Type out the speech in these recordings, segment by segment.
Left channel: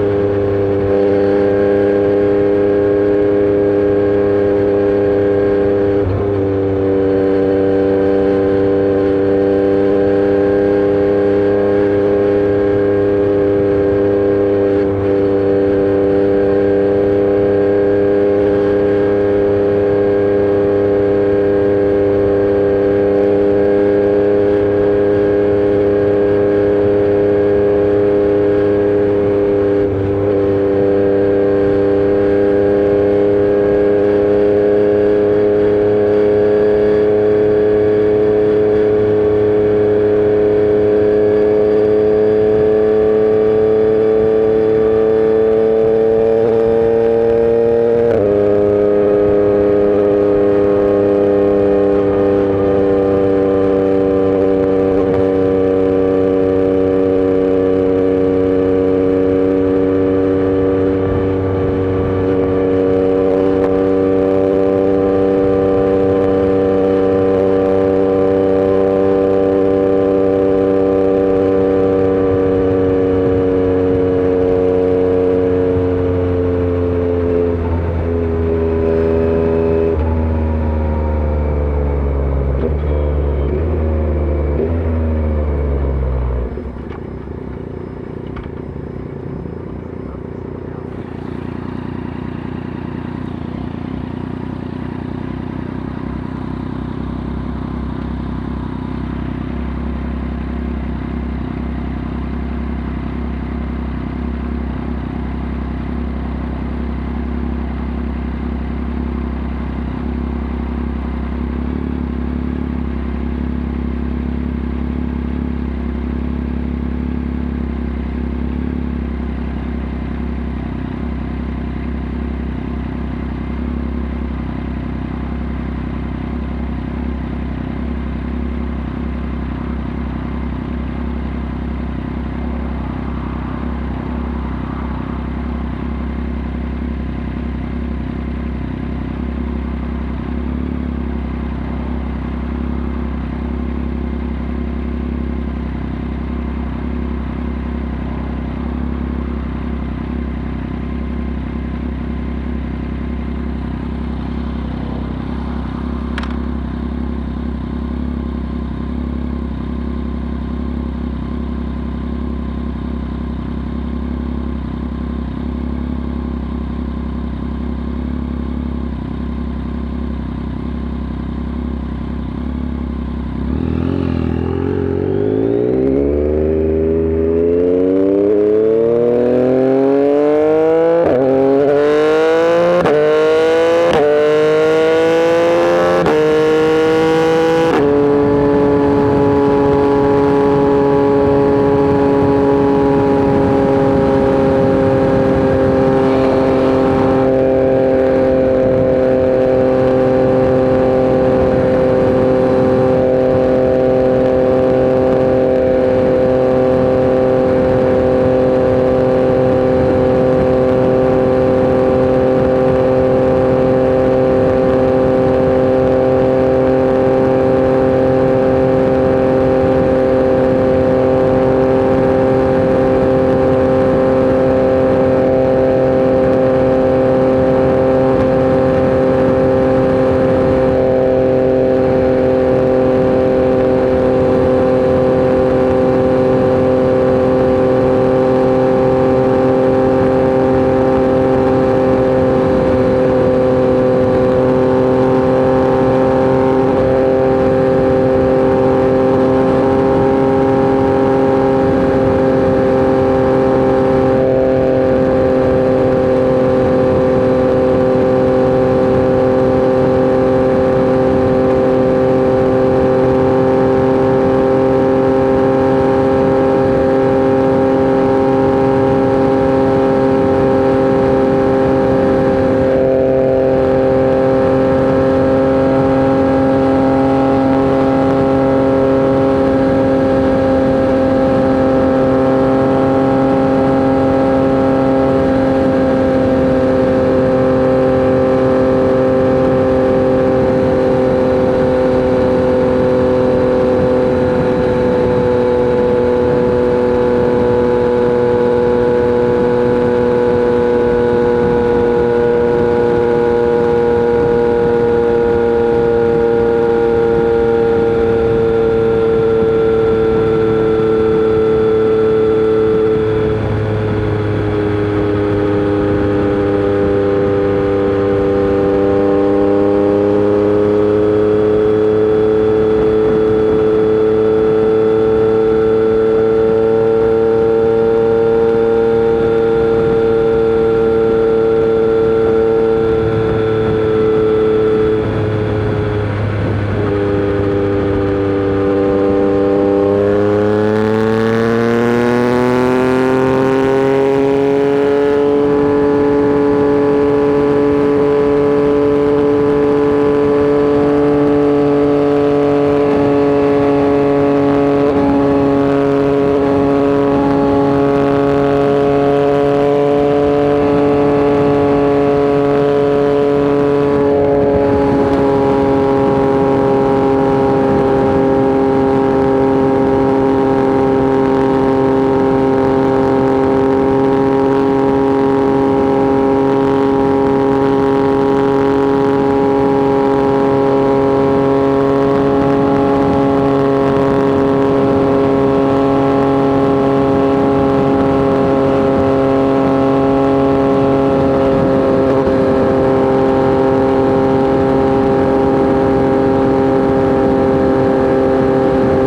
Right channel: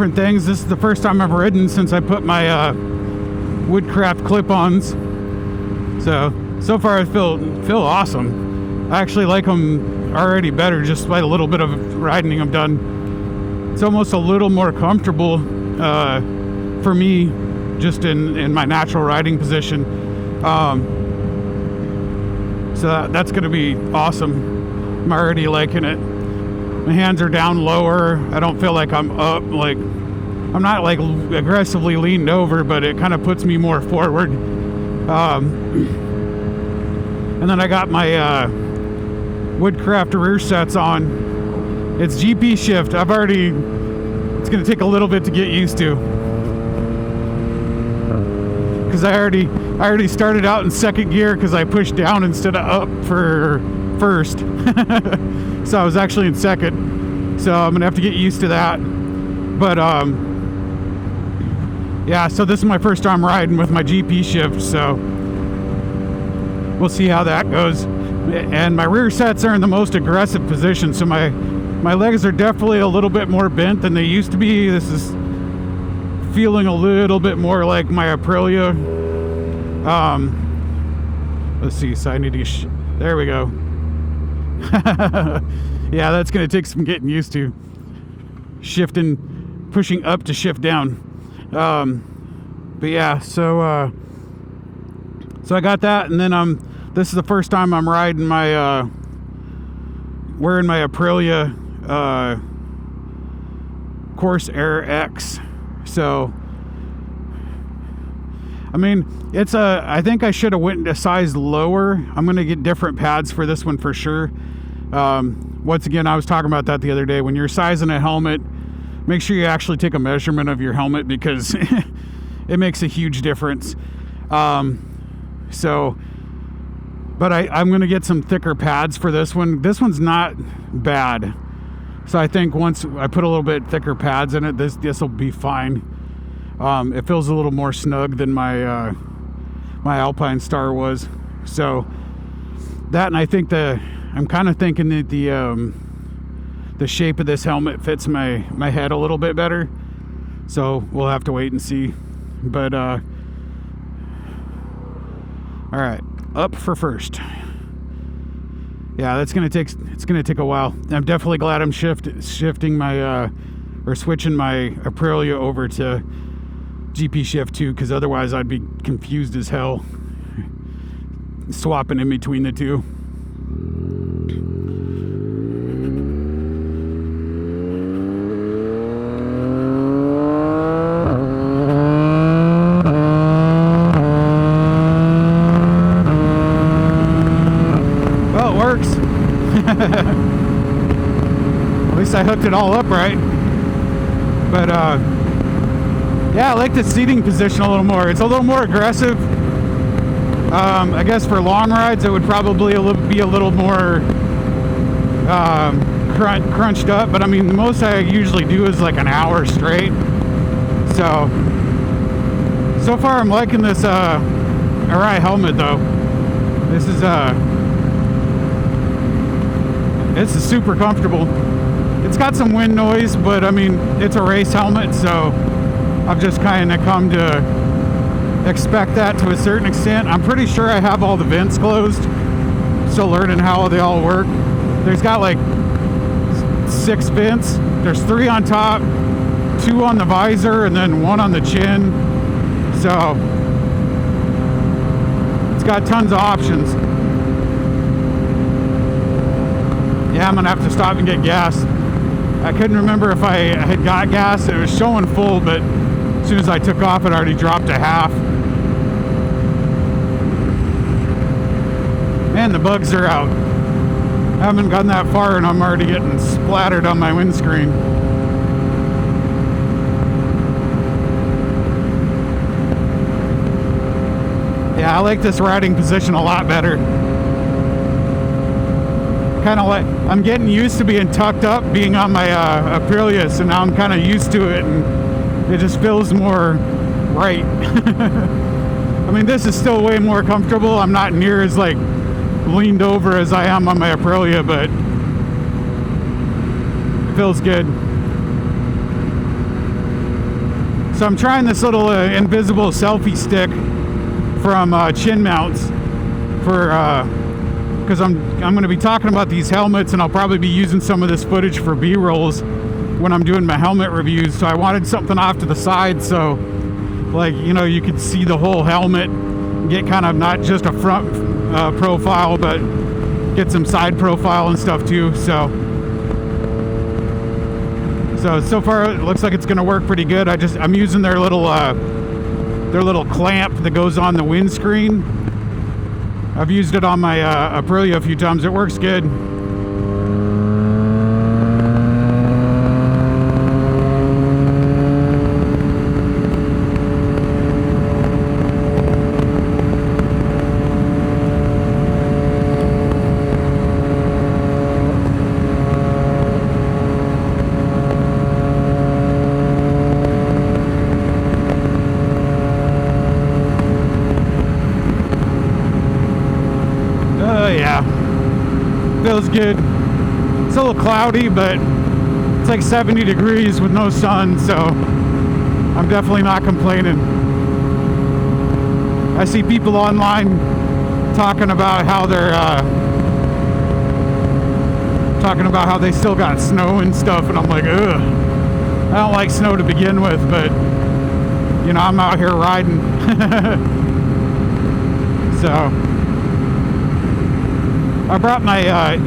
different things. This is the first time I've ridden since I put my Woodcraft clip-ons. So far I feel awesome. I actually like them already better just by a little bit of riding I've done. It's almost a little more comfortable for me just in my natural riding position. So that's going to be awesome. I'm already liking it. The hands are down lower. I don't feel like I'm up, like I'm not like aggressively leaned over, but it kind of puts me more forward. And then I got my Woodcraft rear sets on. It's GP shift. It's going to take a little bit to get used to, because I already started out in second gear because I pushed down instead of up for first. So I was actually in second. So I'm gonna have to get used to that. But yeah, so this is my first time riding with my GP shift, so we'll see how that goes. And my rear sets are in the most aggressive position, so my legs are definitely a little bit more bent than they used to be. This is feeling a little bit more like my Aprilia. Let's see, side niche. There we go. Yeah, that's gonna take some getting used to. Pushing up to shift down. But yeah, so I got that, and then this is the first time I'm riding my wearing my Aprilia Corsair-X. So I mean, I think I should have went a size lower. I'm gonna get different pads for this one for sure. Once again, I was talking about that the other day. When you're sizing a helmet, make sure you actually take a measurement of your helmet, because it makes a huge difference. But I'm going to get some thicker pads for this one. This one's not bad. So I think once I put a little bit thicker pads in it, this will be fine. It feels a little more snug than my Alpine Star was. So that, and I think I'm kind of thinking that the shape of this helmet fits my head a little bit better. So we'll have to wait and see. But all right, up for first. Yeah, it's gonna take a while. I'm definitely glad I'm shifting my or switching my Aprilia over to GP shift too, because otherwise I'd be confused as hell swapping in between the two. I guess for long rides it would probably be a little more crunched up, but I mean the most I usually do is like an hour straight. So far I'm liking this Arai helmet though. This is super comfortable. It's got some wind noise, but I mean it's a race helmet, so I've just kind of come to expect that to a certain extent. I'm pretty sure I have all the vents closed. Still learning how they all work. There's got like 6 vents. There's 3 on top, 2 on the visor, and then 1 on the chin. So it's got tons of options. Yeah, I'm gonna have to stop and get gas. I couldn't remember if I had got gas. It was showing full, but as soon as I took off, it already dropped to half. And the bugs are out. I haven't gone that far and I'm already getting splattered on my windscreen. Yeah, I like this riding position a lot better. Kind of like, I'm getting used to being tucked up, being on my Aprilia, so now I'm kind of used to it. And it just feels more right. I mean, this is still way more comfortable. I'm not near as like leaned over as I am on my Aprilia, but it feels good. trying this little invisible selfie stick from Chin Mounts for because I'm going to be talking about these helmets, and I'll probably be using some of this footage for B-rolls when I'm doing my helmet reviews. So I wanted something off to the side, so like, you know, you could see the whole helmet, get kind of not just a front profile, but get some side profile and stuff too. So far it looks like it's going to work pretty good. I'm using their little clamp that goes on the windscreen. I've used it on my Aprilia a few times. It works good.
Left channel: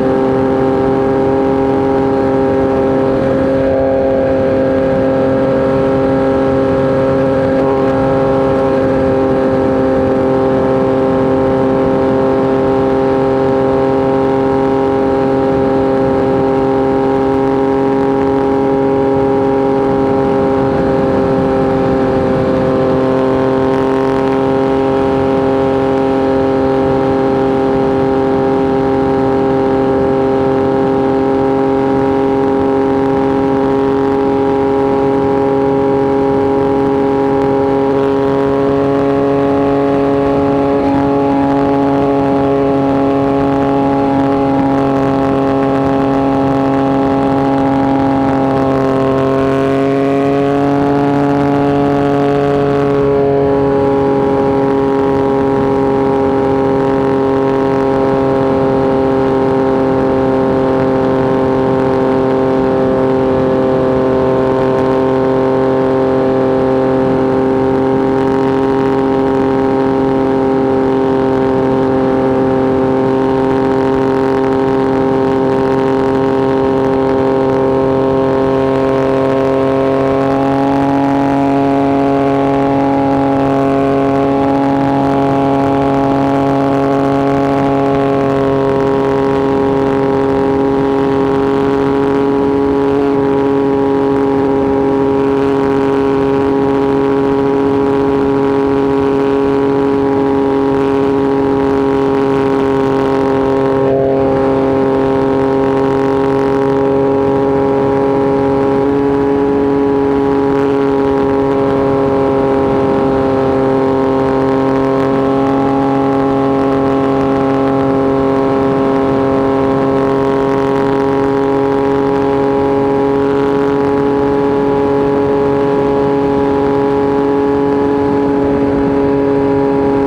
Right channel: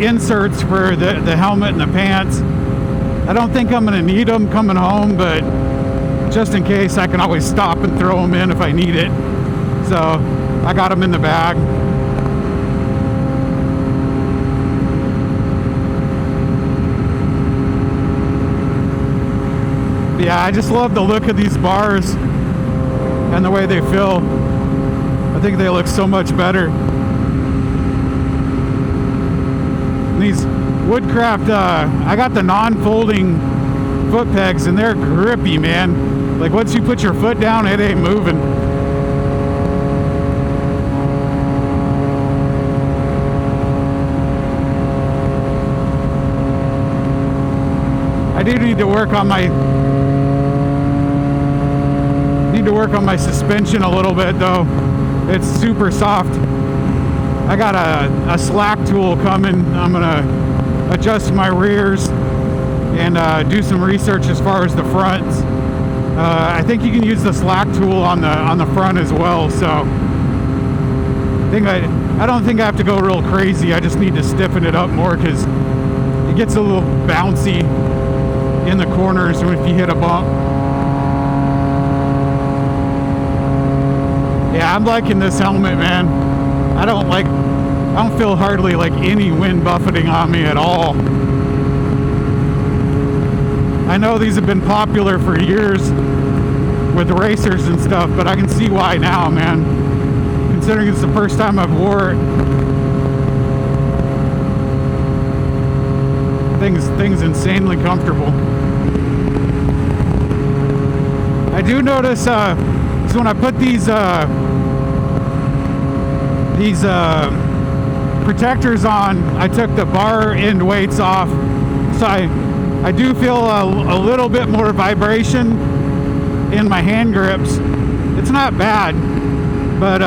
Inserts for the helmet and the pants. I don't think I'm going to need them coming home, but just in case, I can always stop and throw them in if I need it. So I got them in the bag. Yeah, I just love the look of these bars and the way they feel. I think they look so much better. Woodcraft, I got the non-folding foot pegs, and they're grippy, man. Like, once you put your foot down, it ain't moving. I do need to work on my suspension a little bit, though. It's super soft. I got a slack tool coming. I'm gonna adjust my rears and do some research as far as the fronts. I think you can use the slack tool on the front as well. So I don't think I have to go real crazy. I just need to stiffen it up more because it gets a little bouncy in the corners if you hit a bump. Yeah, I'm liking this helmet, man. I don't feel hardly like any wind buffeting on me at all. I know these have been popular for years with the racers and stuff, but I can see why now, man. Considering it's the first time I've wore it. Thing's insanely comfortable. I do notice, so when I put these protectors on, I took the bar end weights off, so I do feel a little bit more vibration in my hand grips. It's not bad, but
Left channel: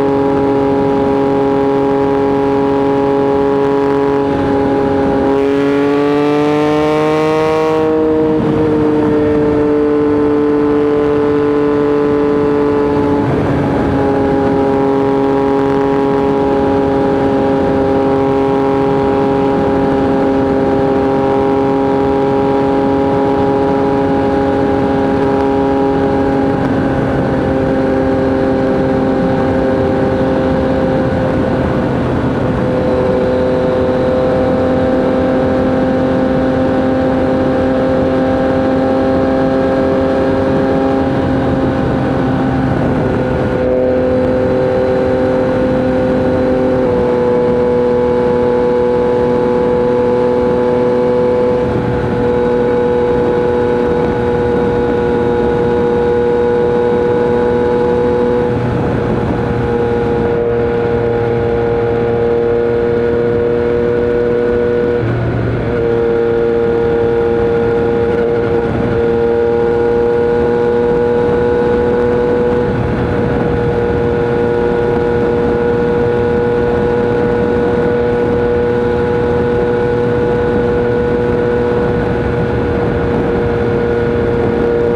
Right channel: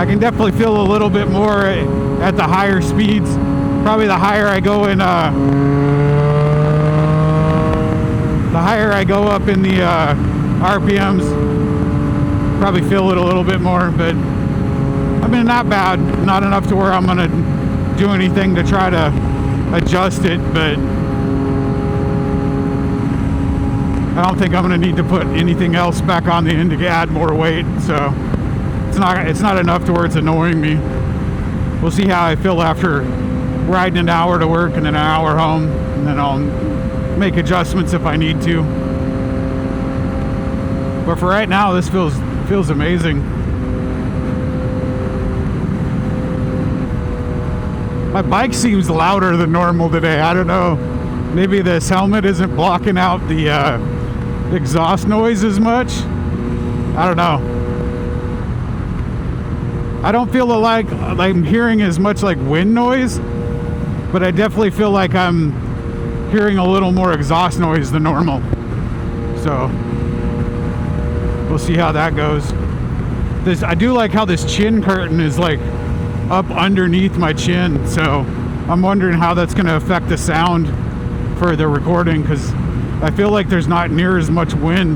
I can definitely feel a little bit more at the higher speeds. Probably the higher I go in up in the RPMs, probably feel it a little bit more, but I mean, not bad. Not enough to where I'm going to do anything to try to adjust it, but I don't think I'm going to need to put anything else back on the end to add more weight, so it's not enough to where it's annoying me. We'll see how I feel after riding an hour to work and then an hour home, and then I'll make adjustments if I need to. But for right now, this feels amazing. My bike seems louder than normal today. I don't know. Maybe this helmet isn't blocking out the exhaust noise as much. I don't know. I don't feel like I'm hearing as much like wind noise, but I definitely feel like I'm hearing a little more exhaust noise than normal. how this chin curtain is like up underneath my chin, so I'm wondering how that's going to affect the sound for the recording, because I feel like there's not near as much wind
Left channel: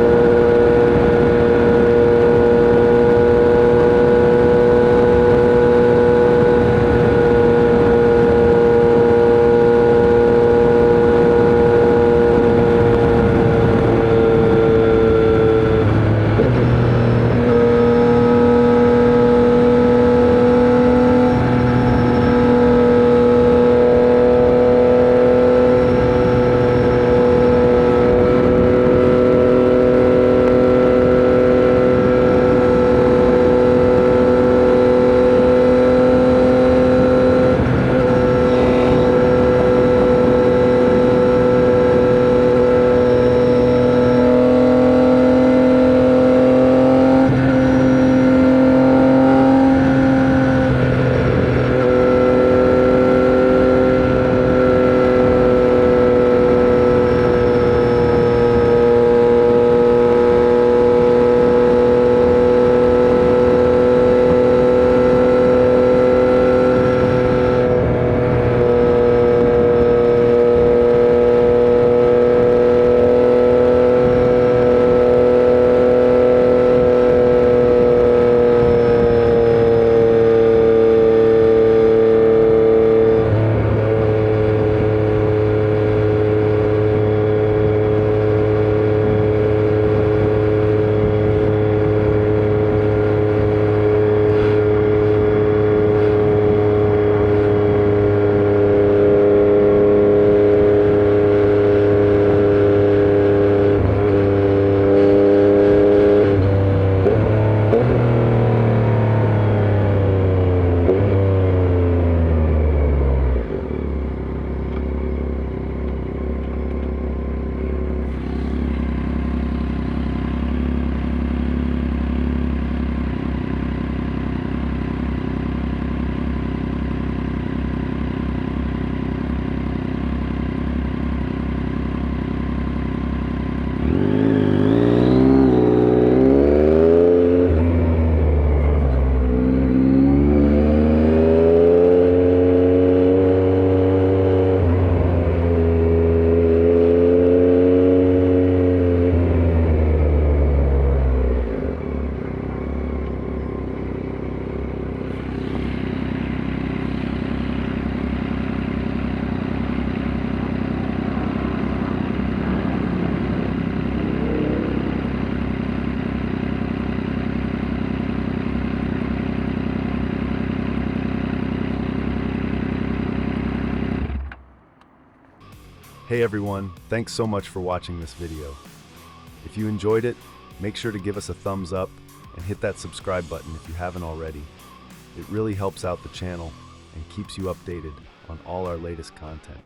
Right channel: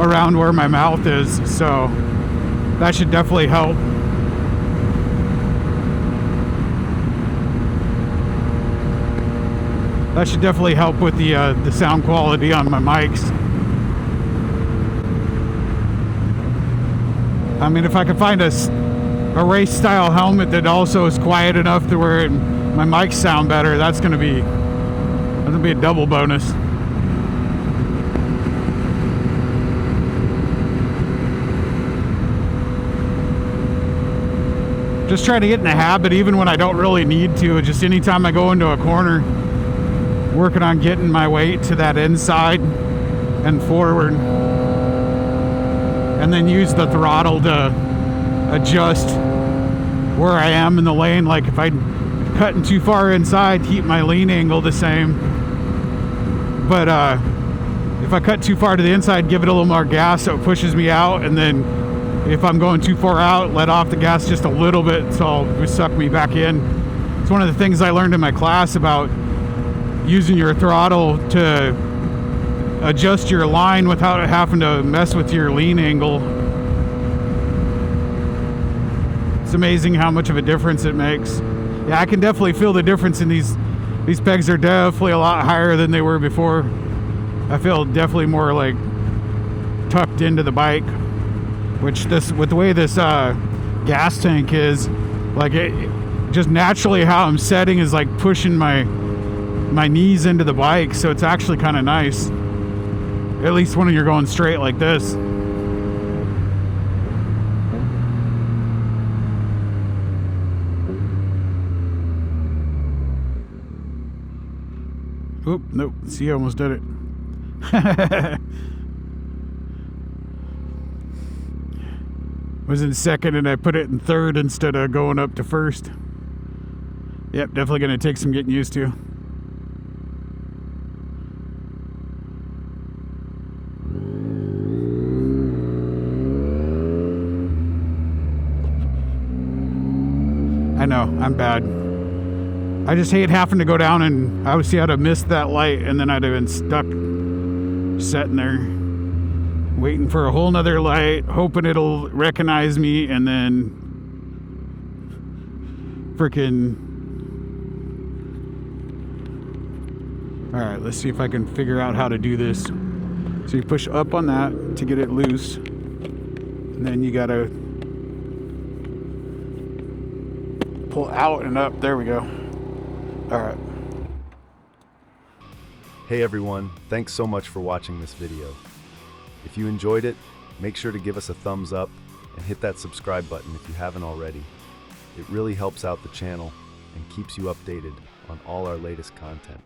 around where my mouth is, so that should definitely help. That should definitely help with the sound quality on my mics. I mean, if I can find a race style helmet that also is quiet enough to where my mics sound better, that's gonna be a double bonus. Just try to get in the habit, even when I don't really need to, just anytime I go into a corner, working on getting my weight to that inside and forward, and then use the throttle to adjust where I am in the lane. Like if I cut too far inside, keep my lean angle the same, but if I cut too far to the inside, give it a little more gas so it pushes me out, and then if I'm going too far out, let off the gas just a little bit so it'll suck me back in. It's one of the things I learned in my class about using your throttle to adjust your line without having to mess with your lean angle. It's amazing how much of a difference it makes. Yeah, I can definitely feel the difference in these pegs are definitely a lot higher than they were before. I feel definitely more like tucked into the bike, which with the way this gas tank is, like it just naturally how I'm setting is like pushing my knees into the bike, so it's actually kind of nice, at least when you're going straight like this. Oop, nope, see, I almost did it. I was in second and I put it in third instead of going up to first. Yep, definitely gonna take some getting used to. I'm bad. I just hate having to go down, and I would see I'd have missed that light, and then I'd have been stuck sitting there waiting for a whole nother light, hoping it'll recognize me, and then freaking... Alright, let's see if I can figure out how to do this. So you push up on that to get it loose, and then you gotta pull out and up. There we go. All right. Hey everyone, thanks so much for watching this video. If you enjoyed it, make sure to give us a thumbs up and hit that subscribe button if you haven't already. It really helps out the channel and keeps you updated on all our latest content.